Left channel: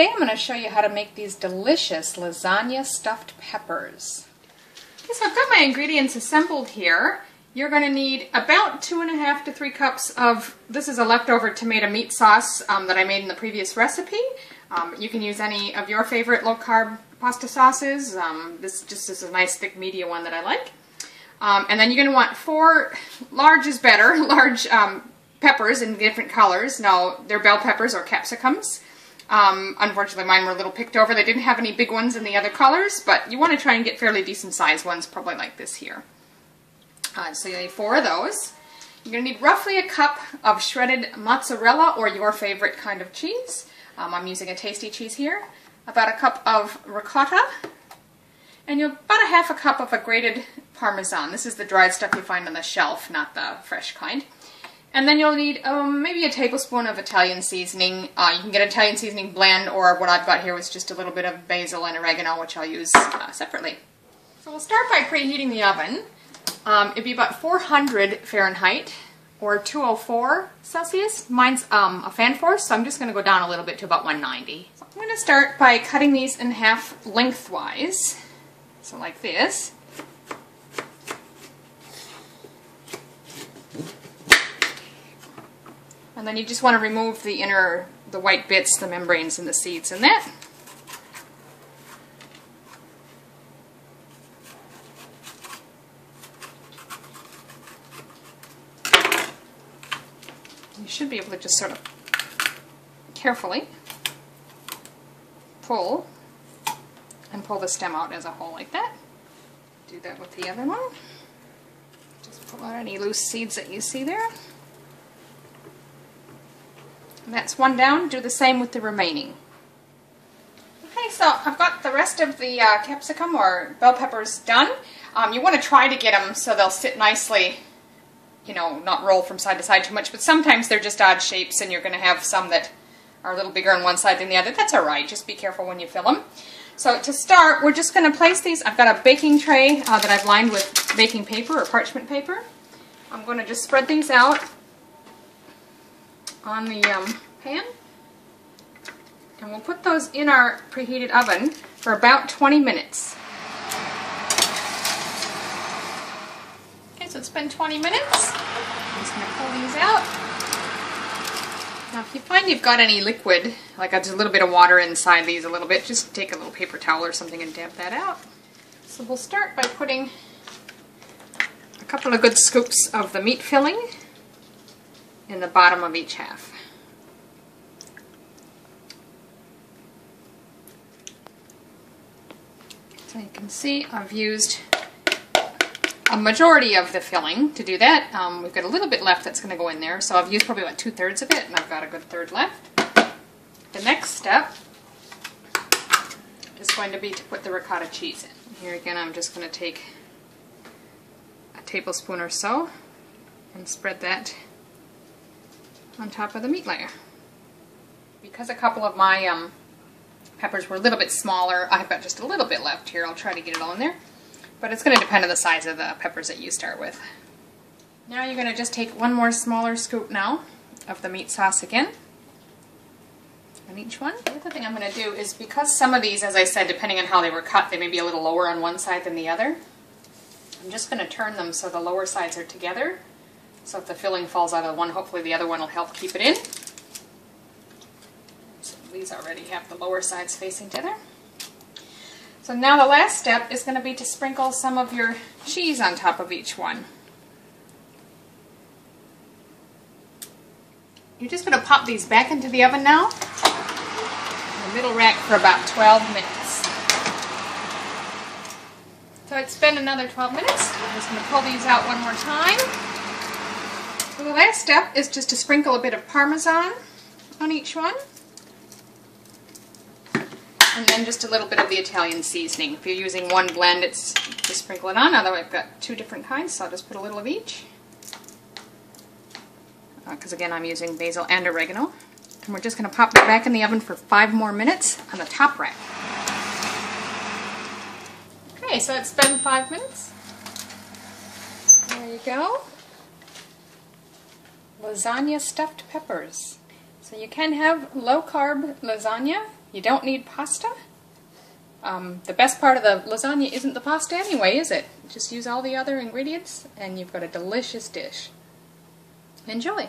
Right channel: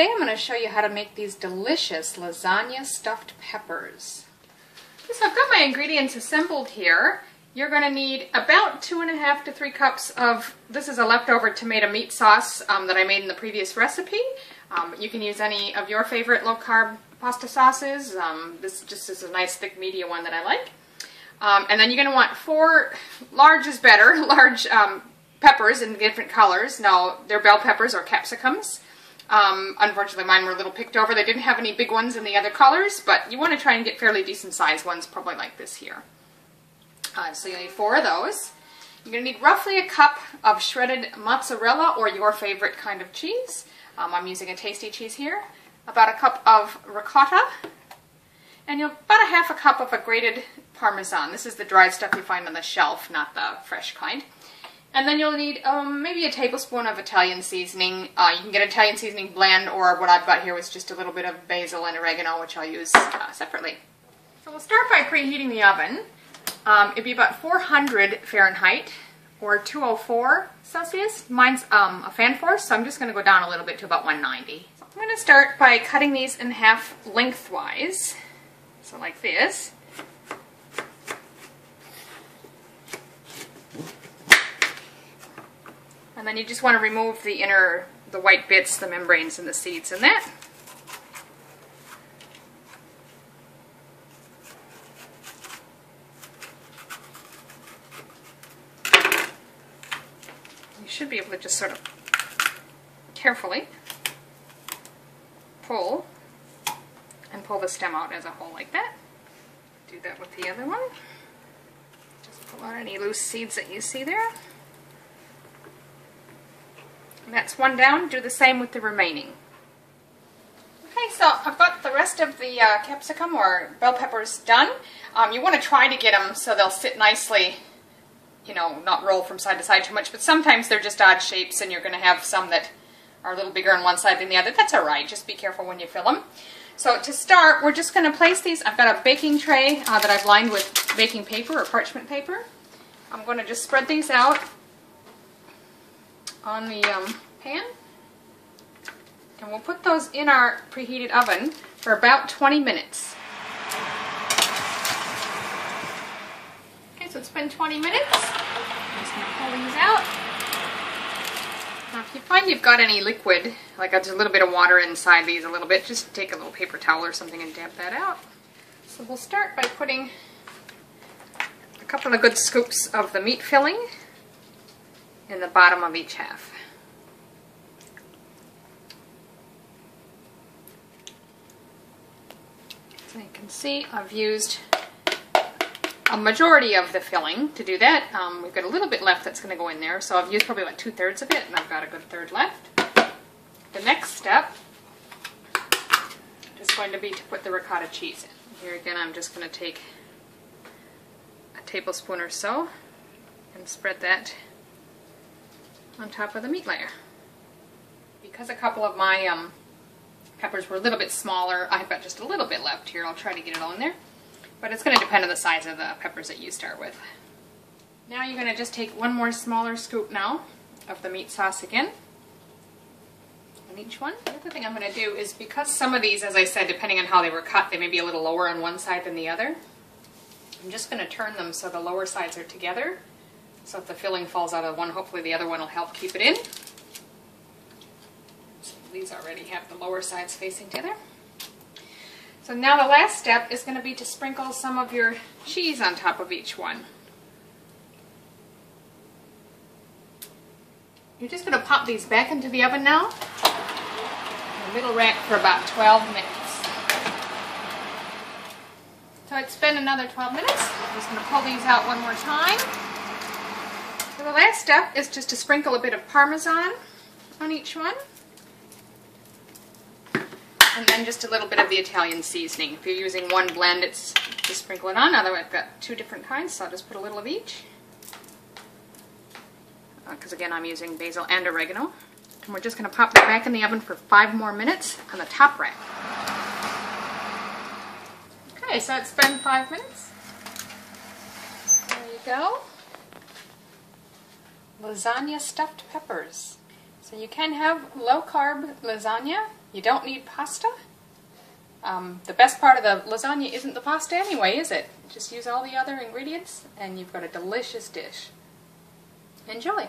today I'm going to show you how to make these delicious lasagna stuffed peppers. Okay, so I've got my ingredients assembled here. You're going to need about 2.5 to 3 cups of, this is a leftover tomato meat sauce that I made in the previous recipe. You can use any of your favorite low-carb pasta sauces. This just is a nice thick media one that I like. And then you're going to want 4, large is better, large peppers in different colors. Now, they're bell peppers or capsicums. Unfortunately, mine were a little picked over. They didn't have any big ones in the other colors, but you want to try and get fairly decent sized ones, probably like this here. So you need 4 of those. You're going to need roughly a cup of shredded mozzarella or your favorite kind of cheese. I'm using a tasty cheese here. About a cup of ricotta. And about a 1/2 cup of a grated parmesan. This is the dried stuff you find on the shelf, not the fresh kind. And then you'll need maybe a tablespoon of Italian seasoning. You can get Italian seasoning blend, or what I've got here was just a little bit of basil and oregano, which I'll use separately. So we'll start by preheating the oven. It'd be about 400 Fahrenheit or 204 Celsius. Mine's a fan force, so I'm just going to go down a little bit to about 190. So I'm going to start by cutting these in half lengthwise. So like this. And then you just want to remove the white bits, the membranes and the seeds in that. You should be able to just sort of carefully pull the stem out as a whole like that. Do that with the other one. Just pull out any loose seeds that you see there. And that's one down. Do the same with the remaining. Okay, so I've got the rest of the capsicum or bell peppers done. You want to try to get them so they'll sit nicely, you know, not roll from side to side too much, but sometimes they're just odd shapes and you're going to have some that are a little bigger on one side than the other. That's alright, just be careful when you fill them. So to start, we're just going to place these. I've got a baking tray that I've lined with baking paper or parchment paper. I'm going to just spread these out on the pan, and we'll put those in our preheated oven for about 20 minutes. Okay, so it's been 20 minutes. I'm just going to pull these out. Now if you find you've got any liquid, like there's a little bit of water inside these a little bit, just take a little paper towel or something and damp that out. So we'll start by putting a couple of good scoops of the meat filling in the bottom of each half. So you can see I've used a majority of the filling to do that. We've got a little bit left that's going to go in there, so I've used probably about 2/3 of it, and I've got a good third left. The next step is going to be to put the ricotta cheese in. Here again, I'm just going to take a tablespoon or so and spread that on top of the meat layer. Because a couple of my peppers were a little bit smaller, I've got just a little bit left here. I'll try to get it all in there. But it's going to depend on the size of the peppers that you start with. Now you're going to just take one more smaller scoop now of the meat sauce again on each one. The other thing I'm going to do is, because some of these, as I said, depending on how they were cut, they may be a little lower on one side than the other. I'm just going to turn them so the lower sides are together. So if the filling falls out of one, hopefully the other one will help keep it in. So these already have the lower sides facing together. So now the last step is going to be to sprinkle some of your cheese on top of each one. You're just going to pop these back into the oven now, in the middle rack, for about 12 minutes. So it's been another 12 minutes. I'm just going to pull these out one more time. So the last step is just to sprinkle a bit of parmesan on each one. And then just a little bit of the Italian seasoning. If you're using one blend, it's just sprinkle it on. Although I've got 2 different kinds, so I'll just put a little of each. Because again, I'm using basil and oregano. And we're just going to pop it back in the oven for 5 more minutes on the top rack. Okay, so it's been 5 minutes. There you go. Lasagna stuffed peppers. So you can have low-carb lasagna You don't need pasta. The best part of the lasagna isn't the pasta anyway, is it? Just use all the other ingredients and you've got a delicious dish. Enjoy!